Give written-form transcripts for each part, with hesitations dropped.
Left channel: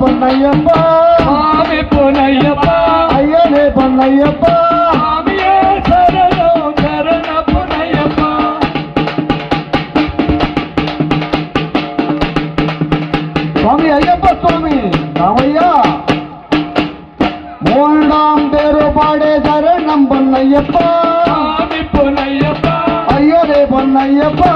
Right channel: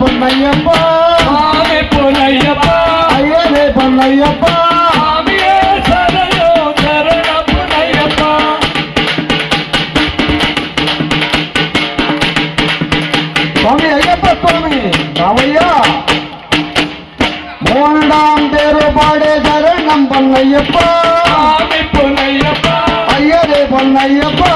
பொன்னையப்பா சாமி பொன்னையப்பா ஐயனே பொன்னையப்பா சாமியே சரணம் சரணம் பொன்னையப்பா சாமி ஐயப்பா சுவாமி ராமையா மூன்றாம் தேர்பாடு சரணம் பொன்னையப்பா சாமி பொன்னையப்பா ஐயனே பொன்னையப்பா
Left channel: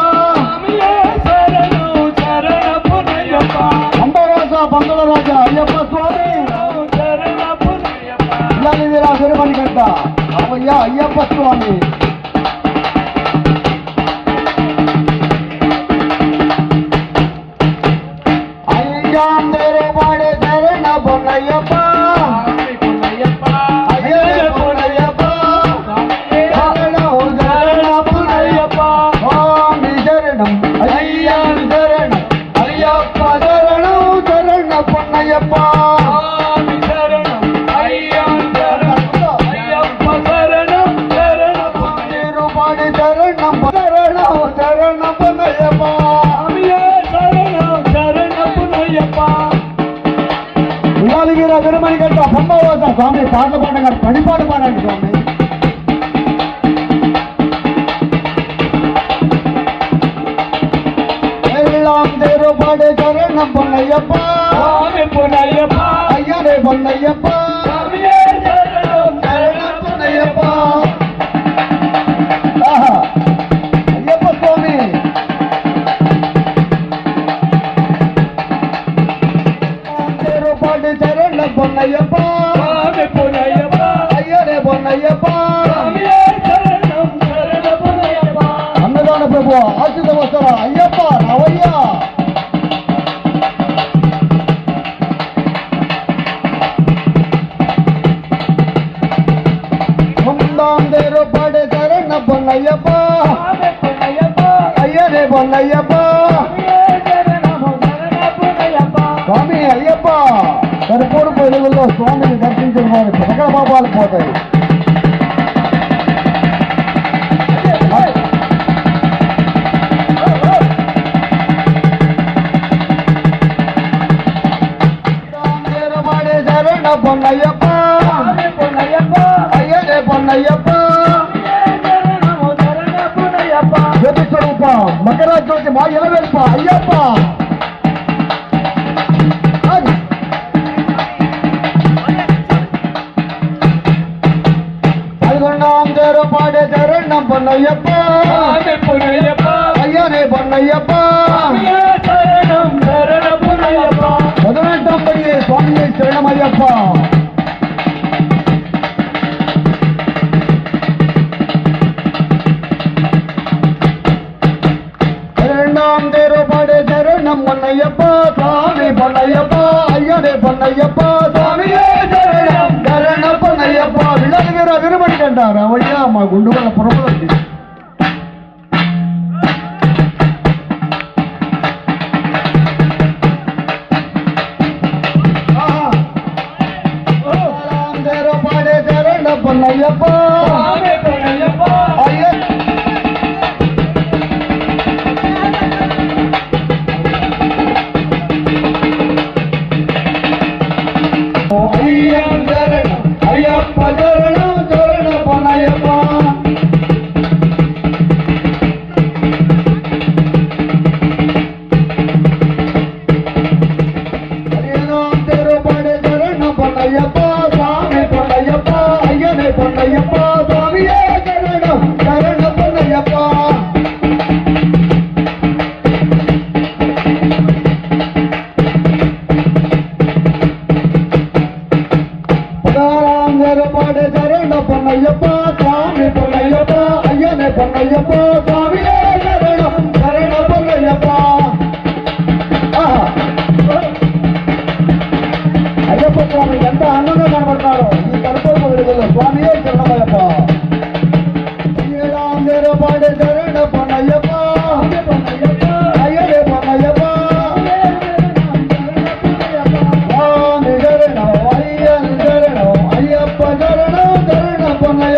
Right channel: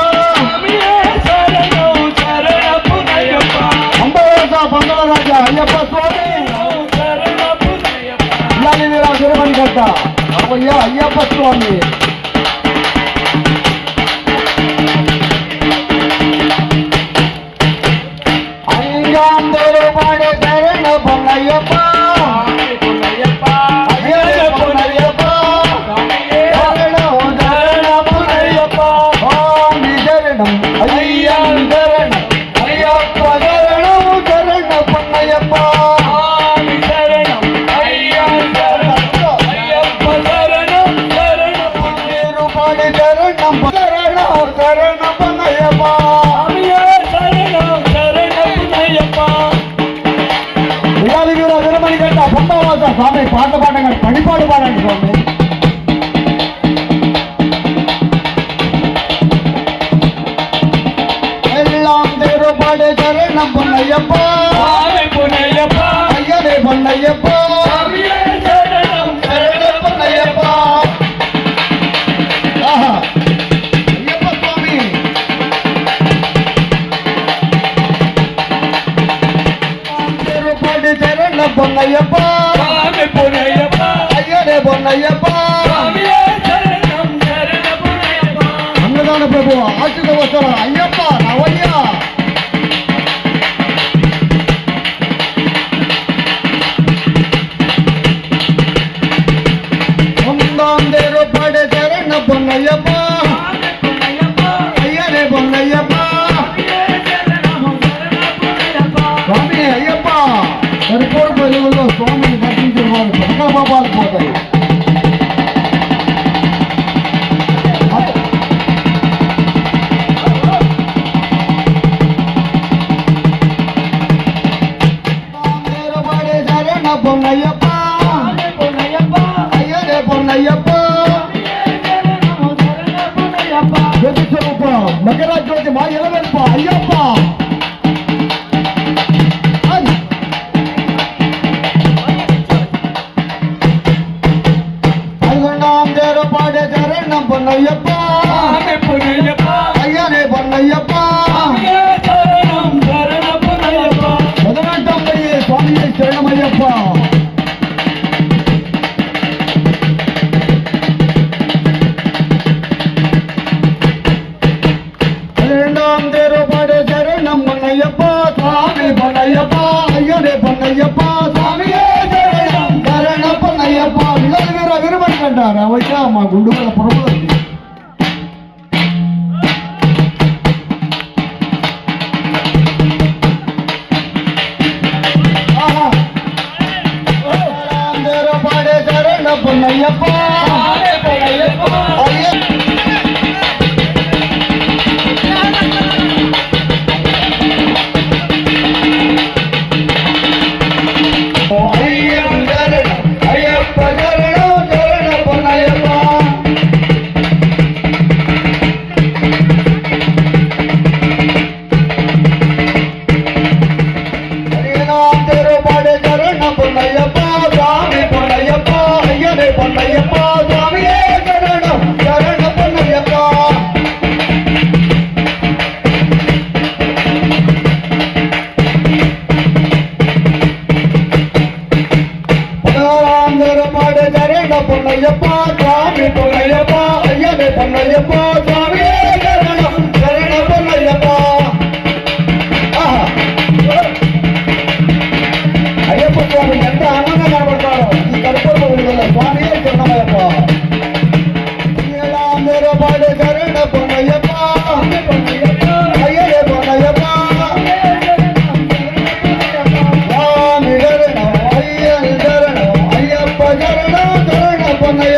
ஐயப்ப சுவாமி ஐயாம் தோறுபாடு சரண பொன்னையப்பா ஐயனே பொன்னையப்பா சரணம் சரணம் பொன்னையப்பா சுவாமி சரணம் ஐயாம் சரணம் ஐயப்ப சரணம் சரணம் பொன்னையப்பா சுவாமி பாட்ட பாடுங்க படிப்பாடு பாடுங்க சுவாமி எல்லாம் திருப்பாடு சரணம் பொன்னையப்பா பொன்னையப்பா ஐயனே பொன்னையப்பா சரணம் பொன்னையப்பா ஆஹா ஐயப்ப சுவாமி திருப்பாடு சரணம் பொன்னையப்பா பொன்னையப்பா ஐயனே பொன்னையப்பா சரணம் சரணம் பொன்னையப்பா அன்னதான பிரபு ஆசிர்வசர ஐயப்பா நவையா ஒன்றாம் தேர்பாடு சரணம் பொன்னையப்பா ஐயனே பொன்னையப்பா சுவாமி ஐயப்பா கருப்பூர் பதிவுள்ள சுவாமி దర్శించుకున్నారు ప్రజల పాపాలు పోతాయి శరణ పొన్నయ్యప్ప అయ్యనే పొన్నయ్యప్ప జ్యోతి స్వరూప మకర జ్యోతి మా ఎలవేప్ప అయ్యప్ప பொன்னையப்பா ஐயனே பொன்னையப்பா சரணம் சரணம் பொன்னையப்பா 18ஆம் படி சுவாமியை சரணம் ஐயப்பா இரண்டாம் தேர்பாடு சரணம் பொன்னையப்பா சாமி பொன்னையப்பா ஐயனே பொன்னையப்பா சாமியே சரணம் சரணம் பொன்னையப்பா விநாயகர் அகர்மணி கண்டார் அவையா அம்மா குண்டுகல புறப்பட பொன்னையப்பா சாமி பொன்னையப்பா ஐயனே பொன்னையப்பா சாமியே சரணம் சரணம் பொன்னையப்பா ஐயப்ப சுவாமி எந்த அண்ணனை மாறுறாரோ ಈ கருப்பொருள் சுவாமியே சரணமையப்பா நீலாம் வேறுபாடு சரண பொன்னையப்பா ஐயனே பொன்னையப்பா சாமி சரணம் ஐயன் சரணம் ஐயப்பா பொன்னையப்பா